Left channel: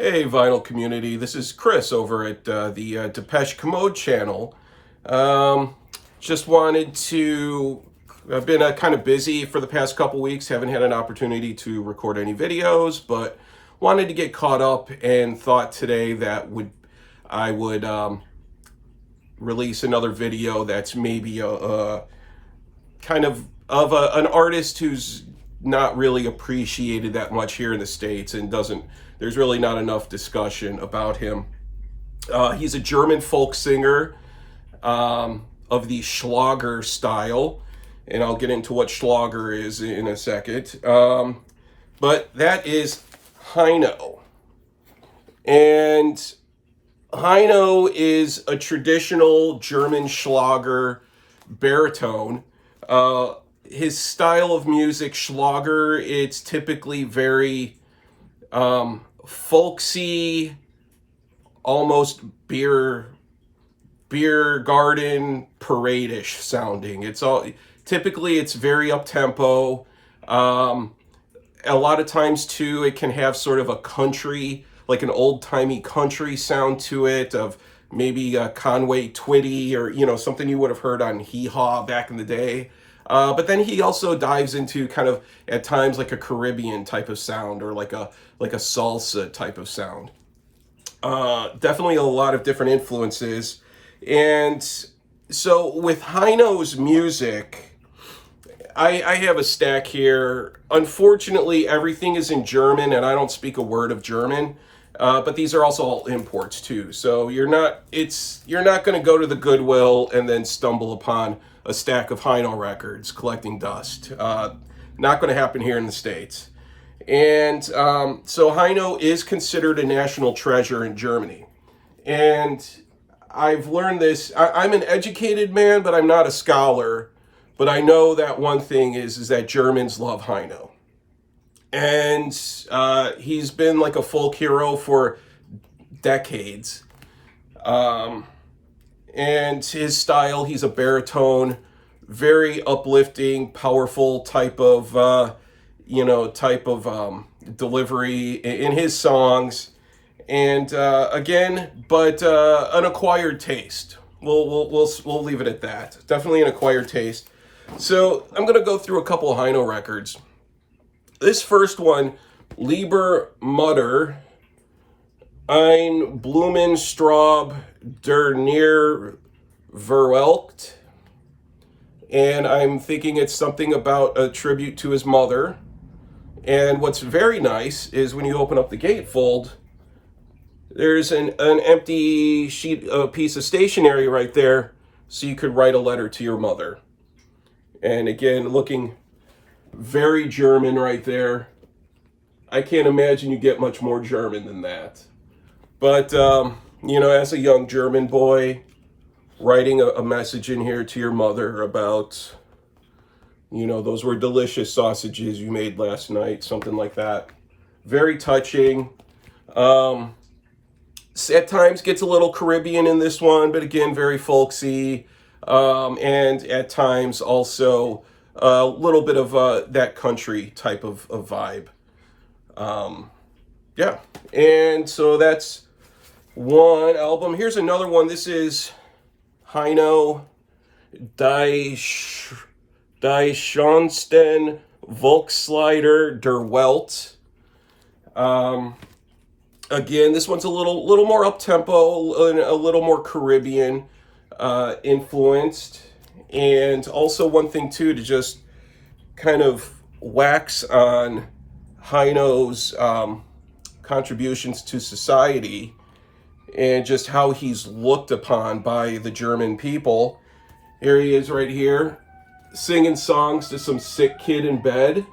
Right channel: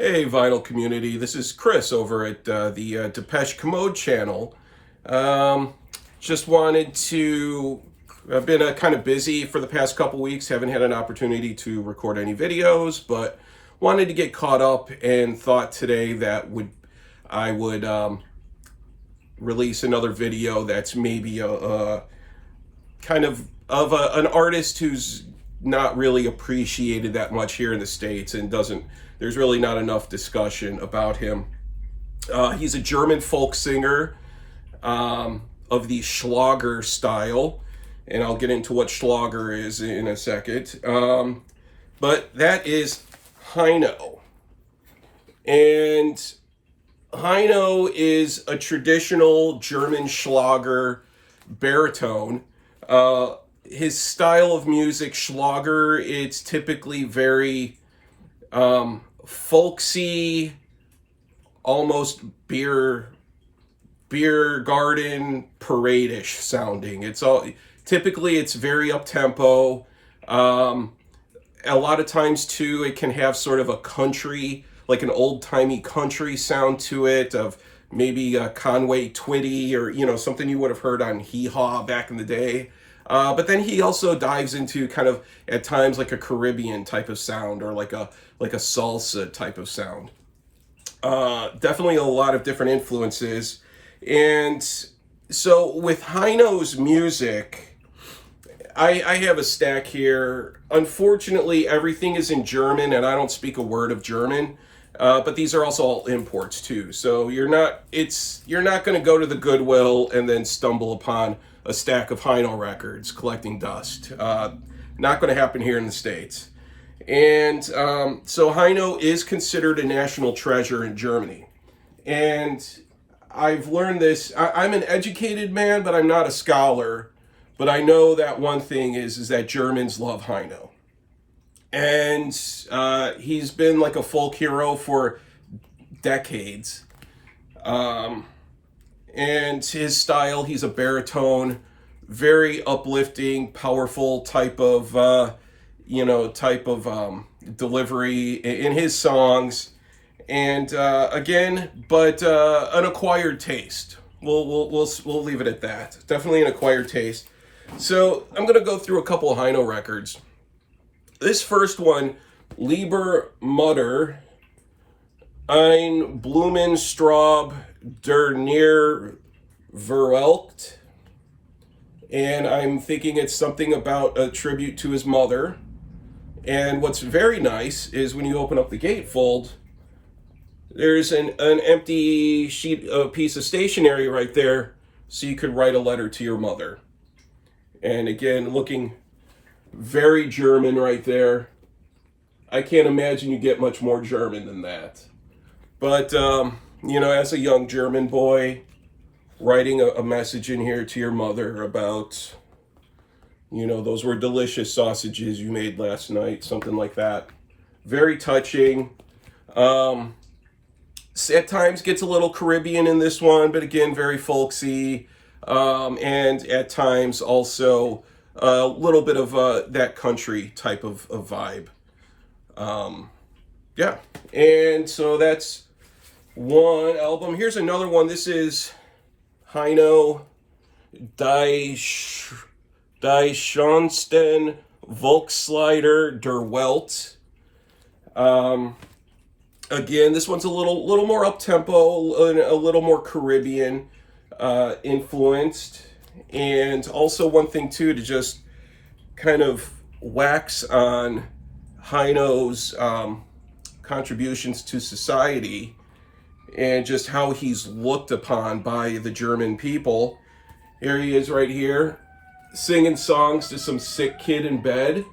Hey, vinyl community. This is Chris over at the Depeche Commode channel. Um, just wanted to. I've been kind of busy for the past couple weeks. Haven't had an opportunity to record any videos, but wanted to get caught up and thought today that I would release another video that's maybe a kind of an artist who's not really appreciated that much here in the States and doesn't. There's really not enough discussion about him. He's a German folk singer of the Schlager style, and I'll get into what Schlager is in a second. But that is Heino. And Heino is a traditional German Schlager baritone. His style of music, Schlager, it's typically very folksy, almost beer garden parade-ish sounding. It's very up tempo. A lot of times too, it can have sort of a country, like an old timey country sound to it, of maybe a Conway Twitty or something you would have heard on Hee Haw back in the day. But then he also dives into kind of at times like a Caribbean type of sound or like a salsa type of sound. Definitely a lot of different influences. And so with Heino's music, I have a stack here. Unfortunately, everything is in German and I don't speak a word of German. But these are also all imports too. So you're not going to go to the Goodwill and then stumble upon a stack of Heino records collecting dust. Not going to happen here in the States. And so Heino is considered a national treasure in Germany. And I've learned this. I'm an educated man, but I'm not a scholar. But I know that one thing is that Germans love Heino. And he's been like a folk hero for decades. And his style, he's a baritone, very uplifting, powerful type of delivery in his songs. And again, but an acquired taste. We'll leave it at that. Definitely an acquired taste. So I'm gonna go through a couple of Heino records. This first one, Lieber Mutter, ein Blumenstraub der Neer verwelkt. And I'm thinking it's something about a tribute to his mother. And what's very nice is when you open up the gatefold, there's an empty piece of stationery right there, so you could write a letter to your mother. And again, looking very German right there. I can't imagine you get much more German than that. But, as a young German boy, writing a message in here to your mother about, those were delicious sausages you made last night, something like that. Very touching. At times gets a little Caribbean in this one, but again, very folksy. And at times also a little bit of that country type of vibe. Yeah. And so that's one album. Here's another one. This is Heino Die Schönsten Volkslieder der Welt. Again, this one's a little more up-tempo, a little more Caribbean influenced. And also one thing, too, to just kind of wax on Heino's contributions to society and just how he's looked upon by the German people. Here he is right here, singing songs to some sick kid in bed.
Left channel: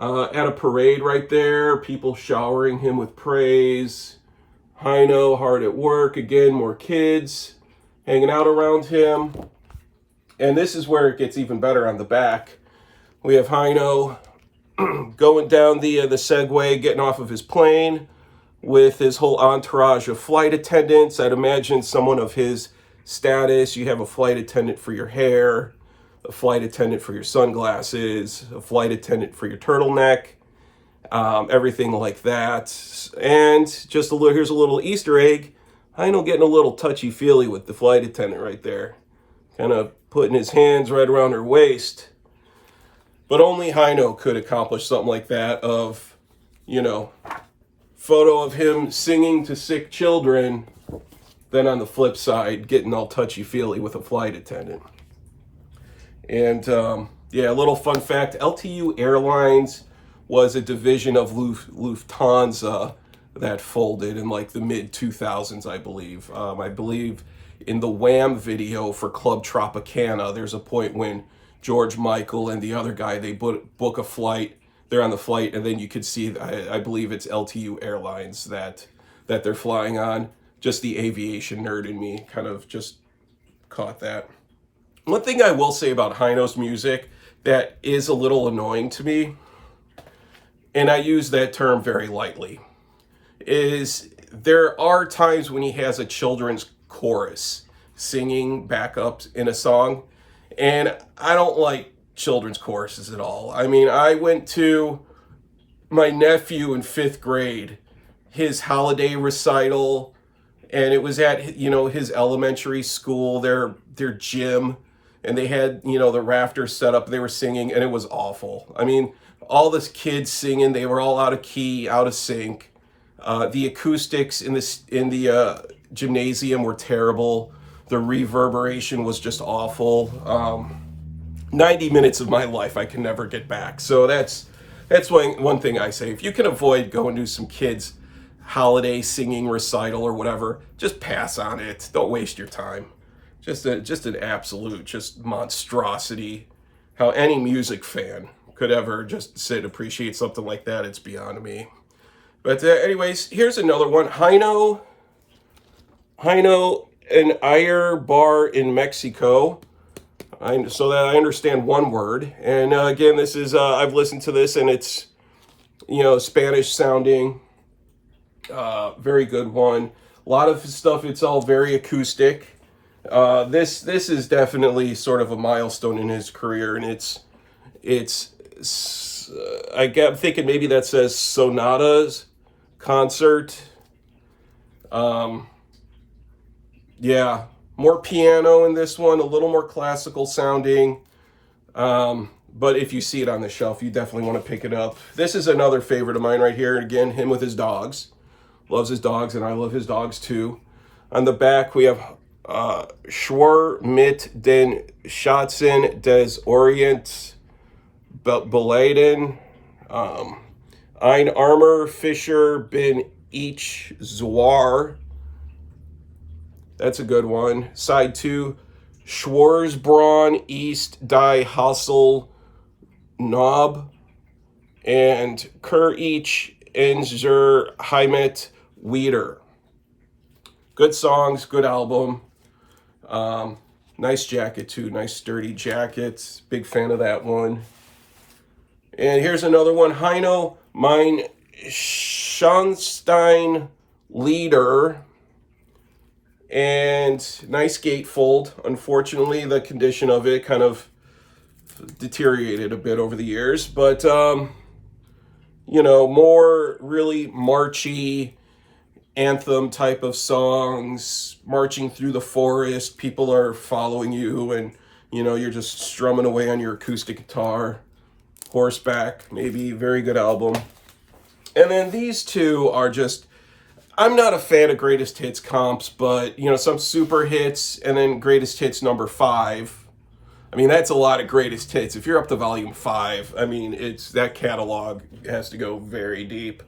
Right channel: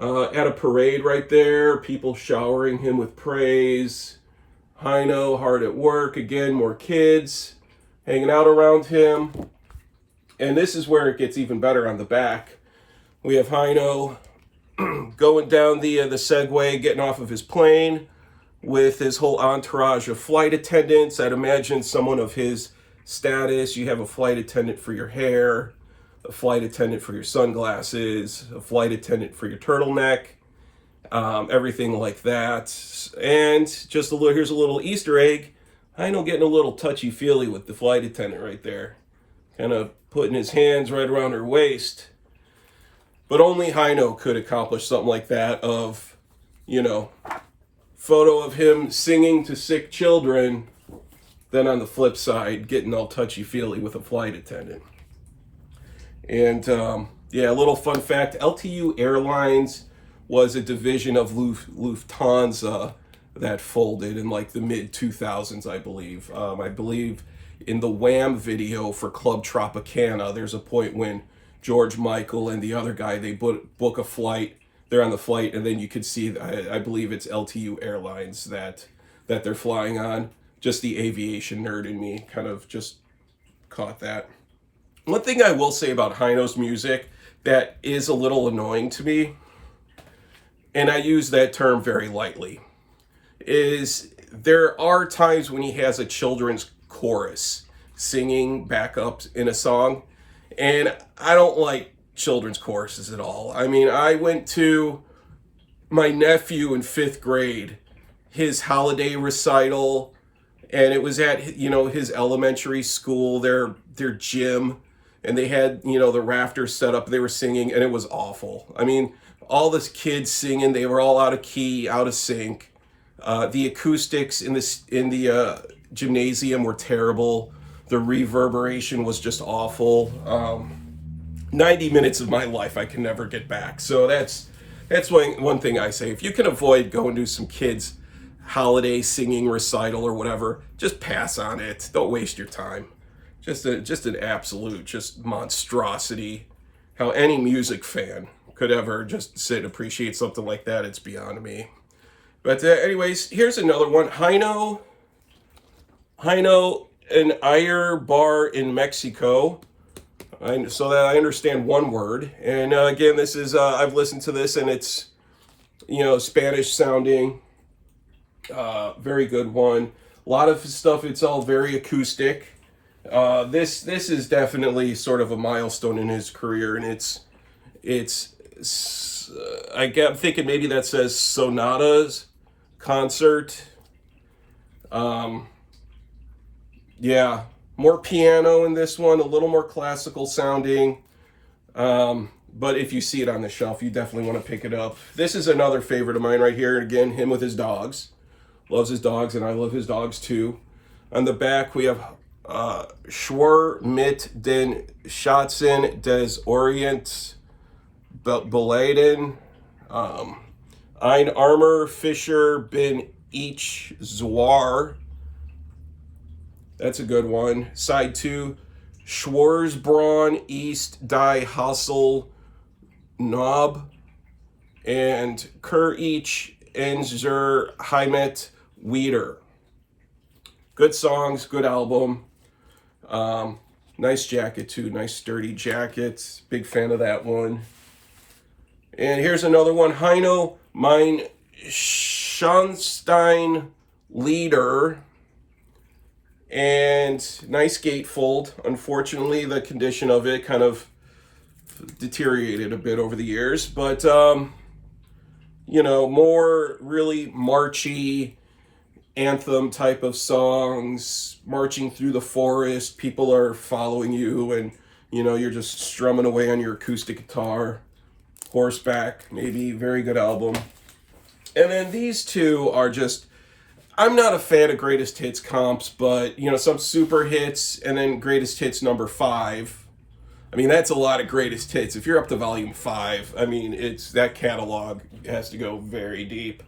At a parade right there, people showering him with praise. Heino hard at work, again, more kids hanging out around him. And this is where it gets even better on the back. We have Heino going down the Segway, getting off of his plane with his whole entourage of flight attendants. I'd imagine someone of his status. You have a flight attendant for your hair, a flight attendant for your sunglasses, a flight attendant for your turtleneck. everything like that. And just a little, here's a little Easter egg. Heino getting a little touchy-feely with the flight attendant right there. Kind of putting his hands right around her waist. But only Heino could accomplish something like that of, you know, photo of him singing to sick children, then on the flip side, getting all touchy-feely with a flight attendant. And yeah, a little fun fact, LTU Airlines was a division of Lufthansa that folded in like the mid-2000s, I believe. I believe in the Wham video for Club Tropicana, there's a point when George Michael and the other guy, they book a flight, they're on the flight, and then you could see, I believe it's LTU Airlines that they're flying on. Just the aviation nerd in me kind of just caught that. One thing I will say about Heino's music that is a little annoying to me, and I use that term very lightly, is there are times when he has a children's chorus singing backups in a song, and I don't like children's choruses at all. I mean, I went to my nephew in 5th grade, his holiday recital, and it was at, you know, his elementary school, their gym, and they had, you know, the rafters set up, they were singing, and it was awful. I mean, all the kids singing, they were all out of key, out of sync. The acoustics in the gymnasium were terrible. The reverberation was just awful. 90 minutes of my life I can never get back. So that's one thing I say. If you can avoid going to some kids' holiday singing recital or whatever, just pass on it. Don't waste your time. Just an absolute just monstrosity. How any music fan could ever just sit and appreciate something like that, it's beyond me. But anyways, here's another one. Heino, an Ayer bar in Mexico. So that I understand one word. And again, this is, I've listened to this and it's, you know, Spanish sounding. Very good one. A lot of stuff, it's all very acoustic. This is definitely sort of a milestone in his career, and I'm thinking maybe that says Sonatas concert. Yeah, more piano in this one, a little more classical sounding. But if you see it on the shelf, you definitely want to pick it up. This is another favorite of mine right here. Again, him with his dogs. Loves his dogs, and I love his dogs too. On the back, we have Schwur mit den Schatzen des Orients Beladen. Ein armer Fischer bin ich Zwar. That's a good one. Side 2, Schwarzbraun East Die Hassel Knob. And Kur ich in zur Heimat wieder. Good songs, good album. Nice jacket too, nice sturdy jacket. Big fan of that one. And here's another one. Heino, mein Schornstein Lieder. And nice gatefold. Unfortunately, the condition of it kind of deteriorated a bit over the years. But, you know, more really marchy anthem type of songs, marching through the forest, people are following you, and you know, you're just strumming away on your acoustic guitar, horseback, maybe. Very good album. And then these two are just, I'm not a fan of greatest hits comps, but you know, some super hits and then greatest hits number 5. I mean, that's a lot of greatest hits. If you're up to volume 5, I mean, it's that catalog has to go very deep.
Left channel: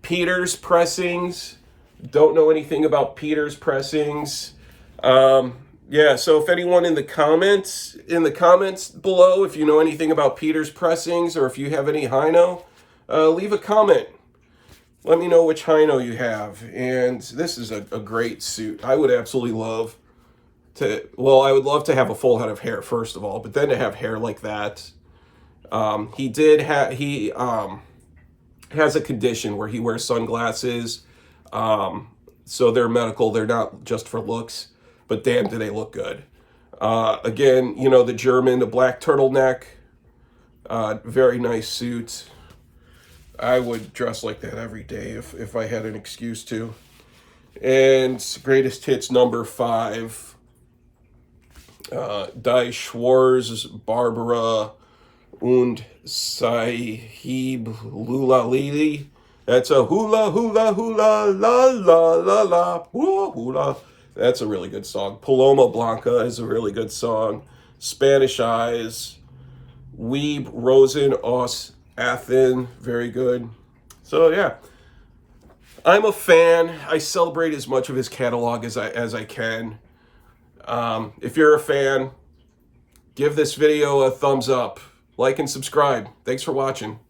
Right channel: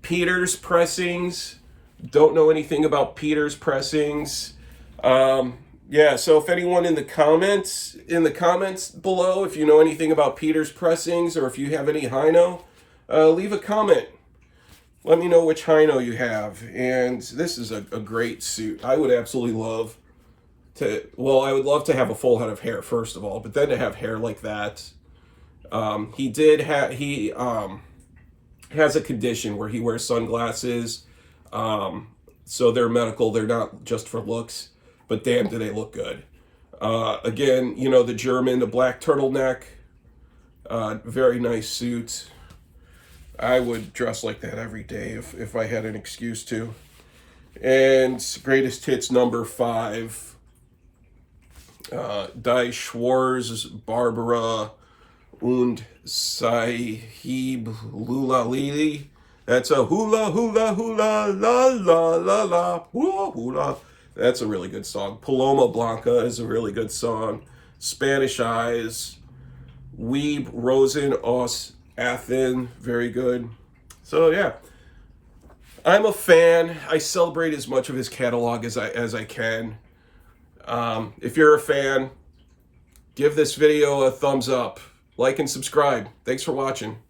Peter's pressings. Don't know anything about Peter's pressings. Yeah, so if anyone in the comments below, if you know anything about Peter's pressings or if you have any Heino, leave a comment. Let me know which Heino you have. And this is a great suit. I would absolutely love to, well, I would love to have a full head of hair, first of all, but then to have hair like that. He has a condition where he wears sunglasses. So they're medical, they're not just for looks, but damn, do they look good. Again, you know, the German, the black turtleneck, Very nice suit. I would dress like that every day if I had an excuse to. And greatest hits number 5. Die Schwarz, Barbara und Sahib Lula Lili. That's a hula hula hula la la la la hula hula. That's a really good song. Paloma Blanca is a really good song. Spanish Eyes. Weeb Rosen aus Athen, very good. So yeah, I'm a fan. I celebrate as much of his catalog as I can. If you're a fan, give this video a thumbs up, like and subscribe. Thanks for watching.